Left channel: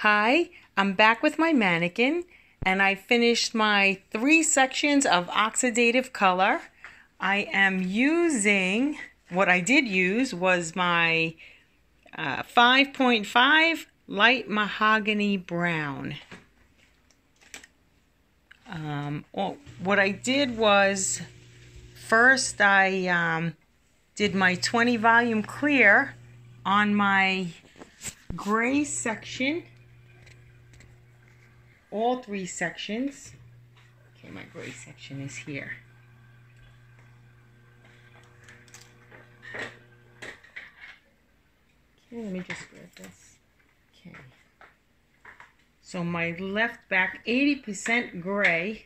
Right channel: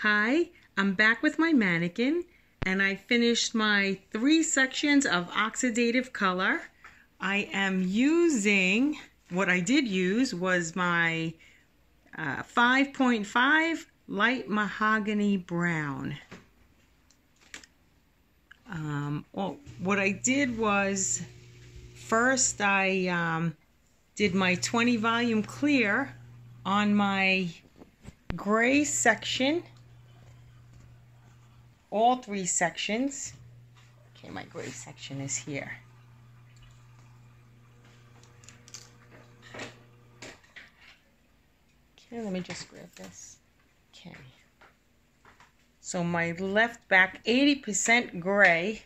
Hi, I'm back with my mannequin and I finished my 3 sections of oxidative color. I am using, what I did use was my 5.5 light mahogany brown. What I did was, first I did my 20 volume clear on my gray section. All 3 sections. Okay, my gray section is here. Okay, let me just grab this. Okay. So my left back 80% gray.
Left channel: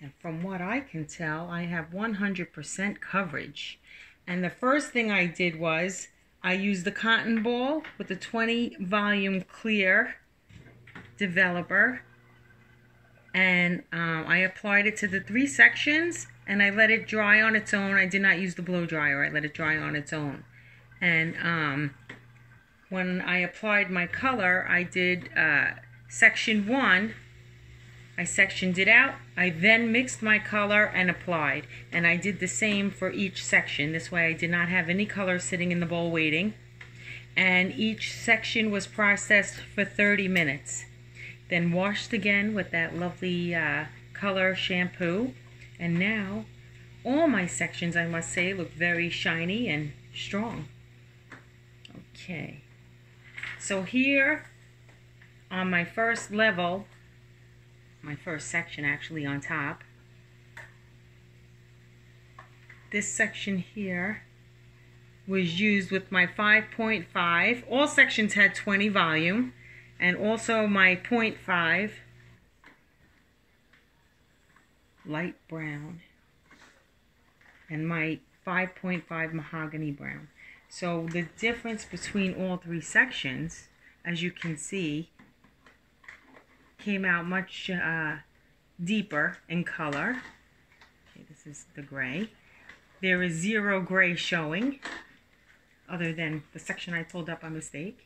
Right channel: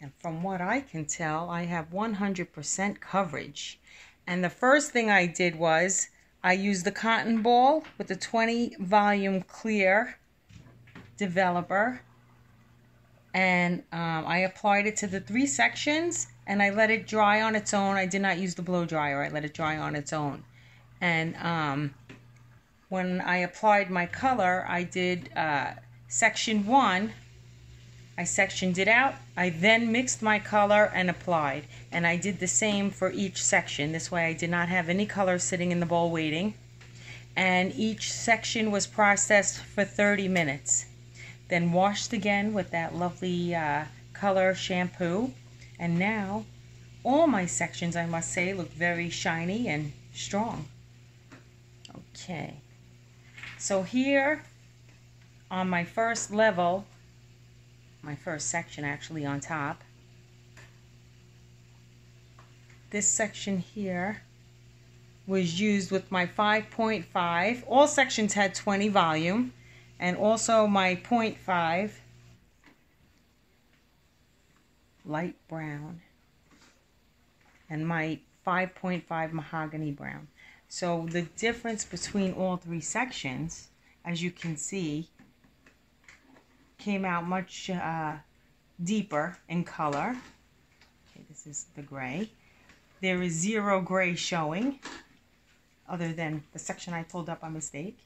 And from what I can tell, I have 100% coverage. And the first thing I did was I used the cotton ball with the 20 volume clear developer, and I applied it to the 3 sections and I let it dry on its own. I did not use the blow dryer. I let it dry on its own. And when I applied my color, I did section 1. I sectioned it out. I then mixed my color and applied, and I did the same for each section. This way I did not have any color sitting in the bowl waiting, and each section was processed for 30 minutes. Then washed again with that lovely color shampoo. And now all my sections, I must say, look very shiny and strong. Okay. So here on my first level, my first section actually on top, this section here was used with my 5.5. All sections had 20 volume. And also my 0.5 light brown and my 5.5 mahogany brown. So the difference between all 3 sections, as you can see, came out much deeper in color. Okay, this is the gray. There is 0 gray showing, other than the section I pulled up by mistake.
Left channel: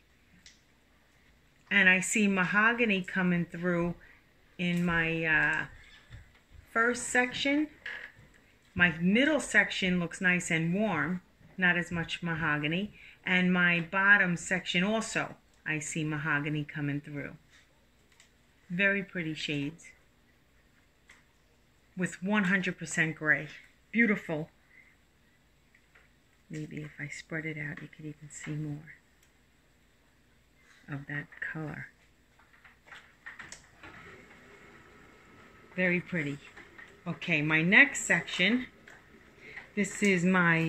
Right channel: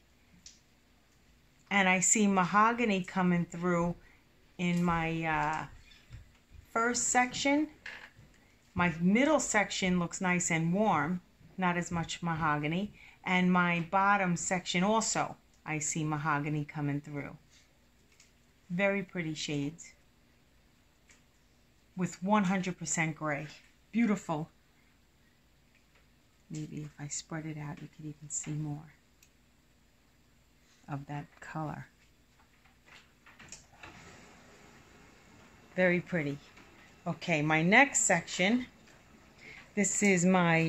And I see mahogany coming through in my first section. My middle section looks nice and warm, not as much mahogany. And my bottom section also, I see mahogany coming through. Very pretty shades with 100% gray. Beautiful. Maybe if I spread it out, you could even see more of that color. Very pretty. Okay, my next section, this is my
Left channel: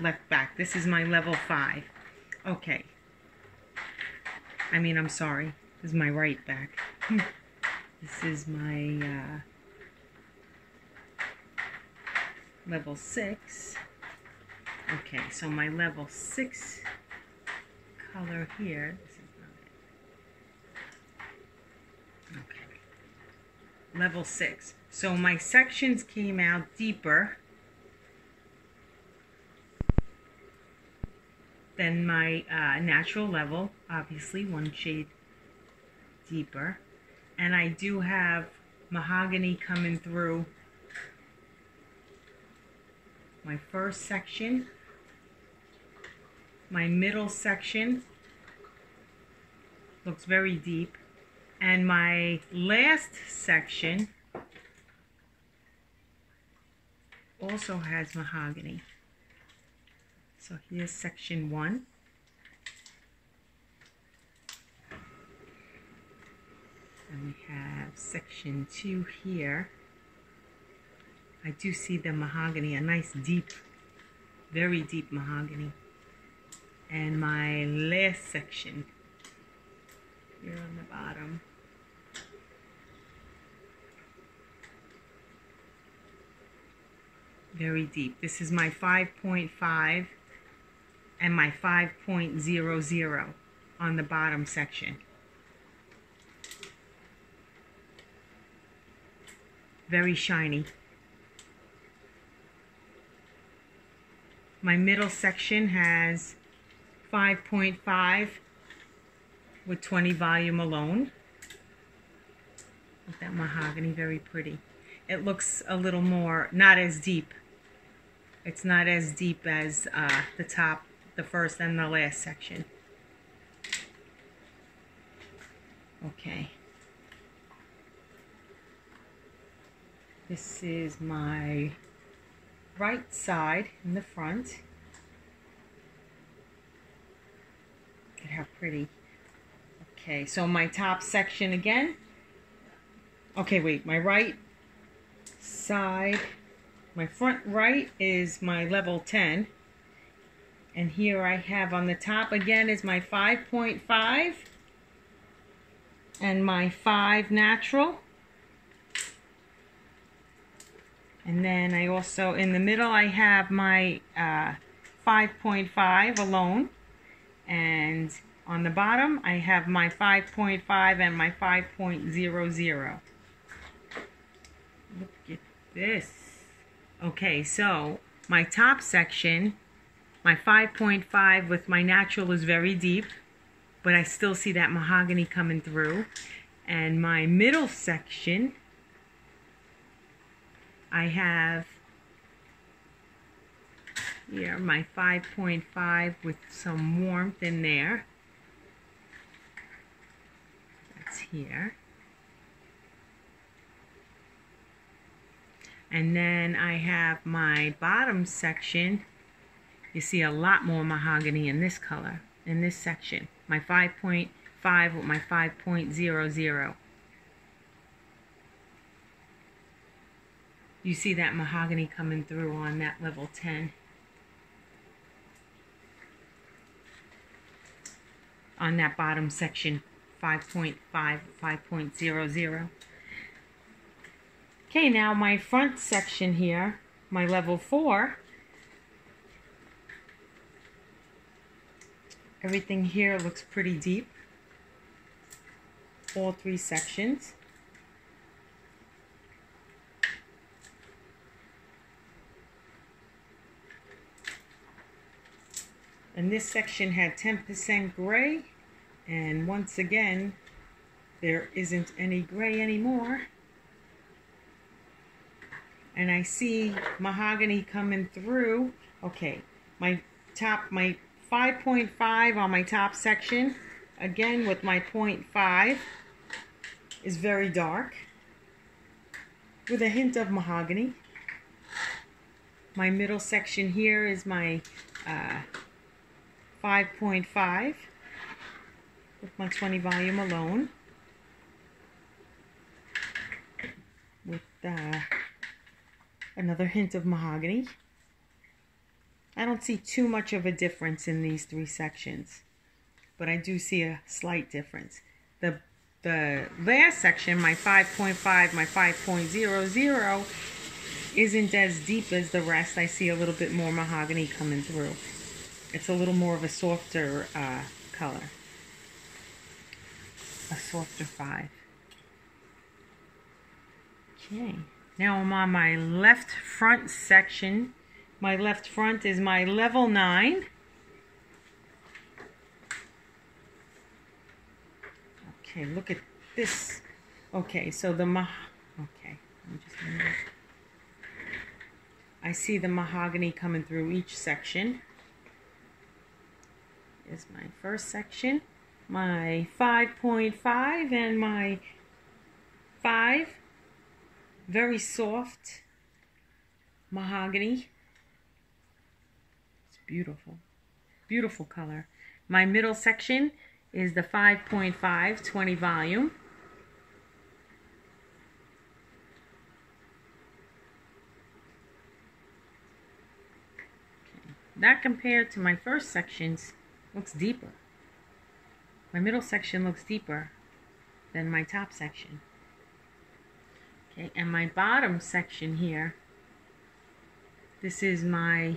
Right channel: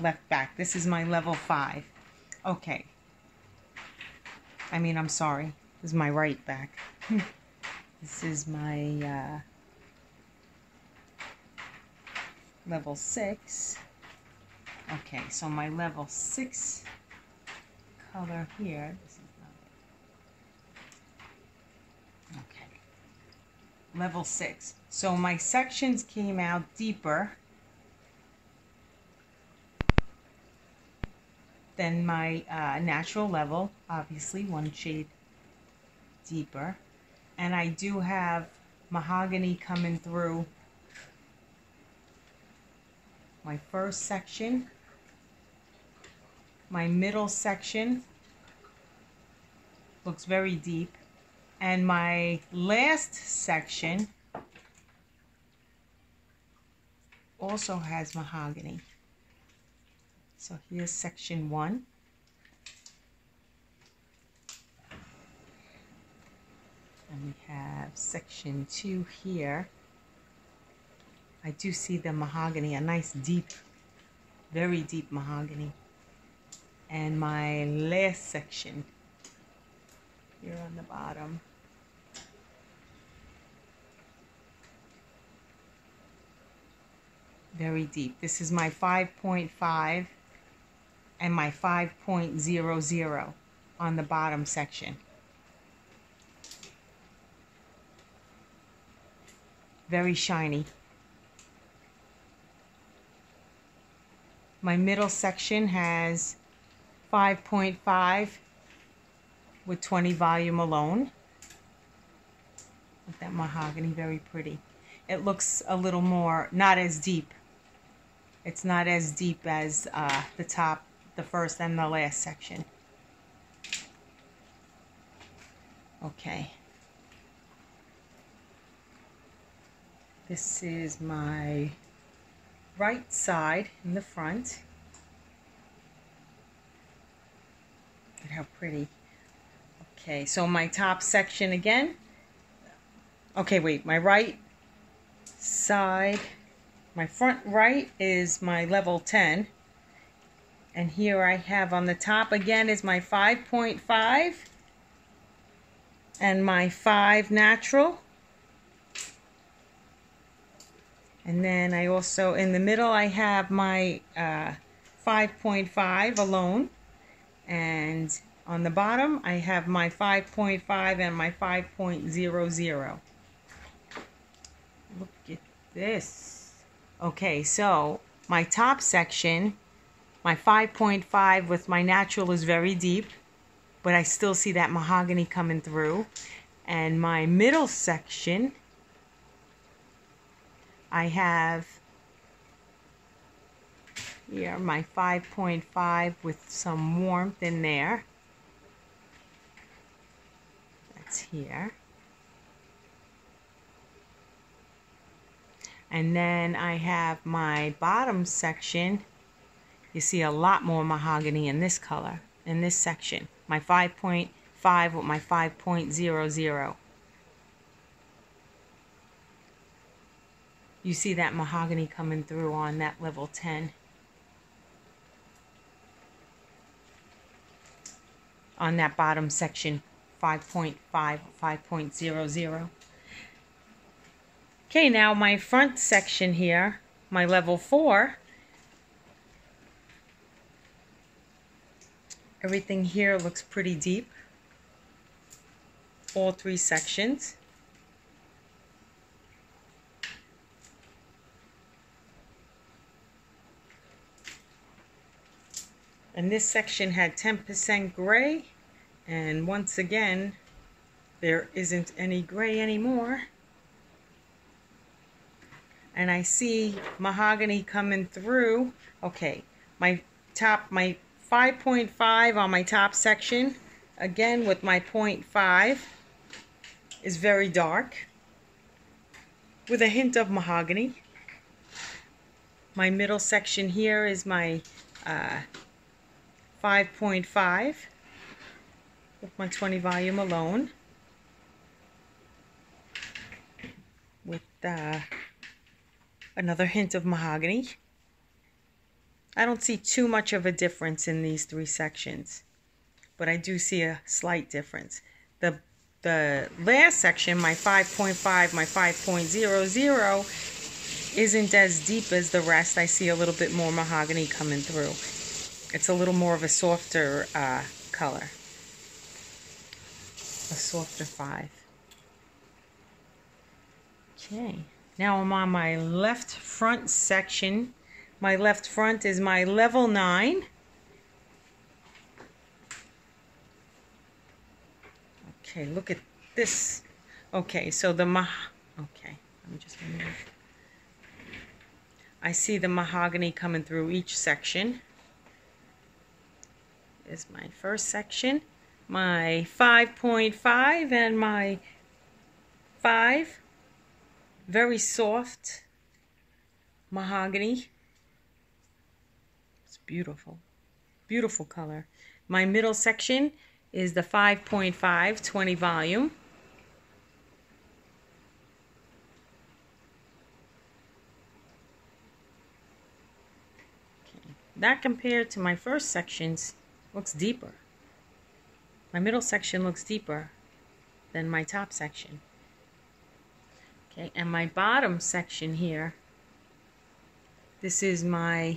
left back. This is my level 5. Okay. I'm sorry. This is my right back. This is my level 6. Okay, so my level 6 color here. This is okay. Level 6. So my sections came out deeper than my natural level, obviously 1 shade deeper. And I do have mahogany coming through my first section. My middle section looks very deep. And my last section also has mahogany. So here's section 1. And we have section 2 here. I do see the mahogany, a nice deep, very deep mahogany. And my last section here on the bottom. Very deep. This is my 5.5 and my 5.00 on the bottom section. Very shiny. My middle section has 5.5 with 20 volume alone. With that mahogany, very pretty. It looks a little more, not as deep. It's not as deep as the top, the first and the last section. Okay. This is my right side in the front. Look at how pretty. Okay, so my top section again. Okay, wait, my right side, my front right is my level 10. And here I have on the top again is my 5.5 and my 5 natural. And then I also, in the middle, I have my 5.5 alone. And on the bottom, I have my 5.5 and my 5.00. Look at this. Okay, so my top section, my 5.5 with my natural is very deep, but I still see that mahogany coming through. And my middle section, I have here my 5.5 with some warmth in there. That's here. And then I have my bottom section. You see a lot more mahogany in this color, in this section. My 5.5 with my 5.00. You see that mahogany coming through on that level 10. On that bottom section, 5.5, 5.00. Okay, now my front section here, my level 4. Everything here looks pretty deep. All 3 sections. And this section had 10% gray, and once again, there isn't any gray anymore. And I see mahogany coming through. Okay, my 5.5 on my top section, again with my 0.5, is very dark, with a hint of mahogany. My middle section here is my 5.5 with my 20 volume alone, with another hint of mahogany. I don't see too much of a difference in these 3 sections, but I do see a slight difference. The last section, my 5.5, my 5.00, isn't as deep as the rest. I see a little bit more mahogany coming through. It's a little more of a softer color. A softer 5. Okay, now I'm on my left front section. My left front is my level 9. Okay, look at this. Okay, so okay, let me just move. I see the mahogany coming through each section. Is my first section, my 5.5 and my 5, very soft mahogany. It's beautiful, beautiful color. My middle section is the 5.5, 20 volume. Okay. That compared to my first sections looks deeper. My middle section looks deeper than my top section. Okay, and my bottom section here, this is my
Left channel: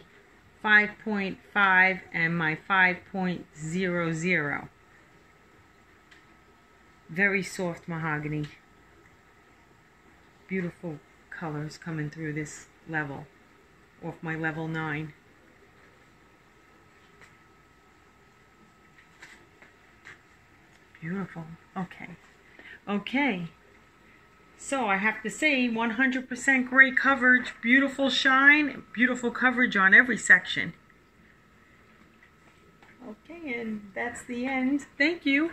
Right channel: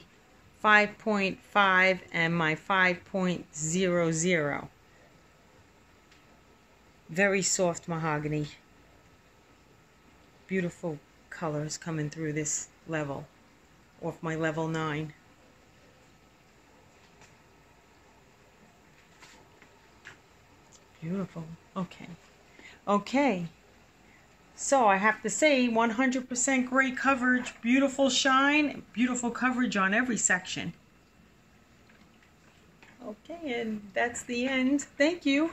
5.5 and my 5.00. Very soft mahogany. Beautiful colors coming through this level, off my level 9. Beautiful. Okay. Okay. So I have to say 100% gray coverage, beautiful shine, beautiful coverage on every section. Okay, and that's the end. Thank you.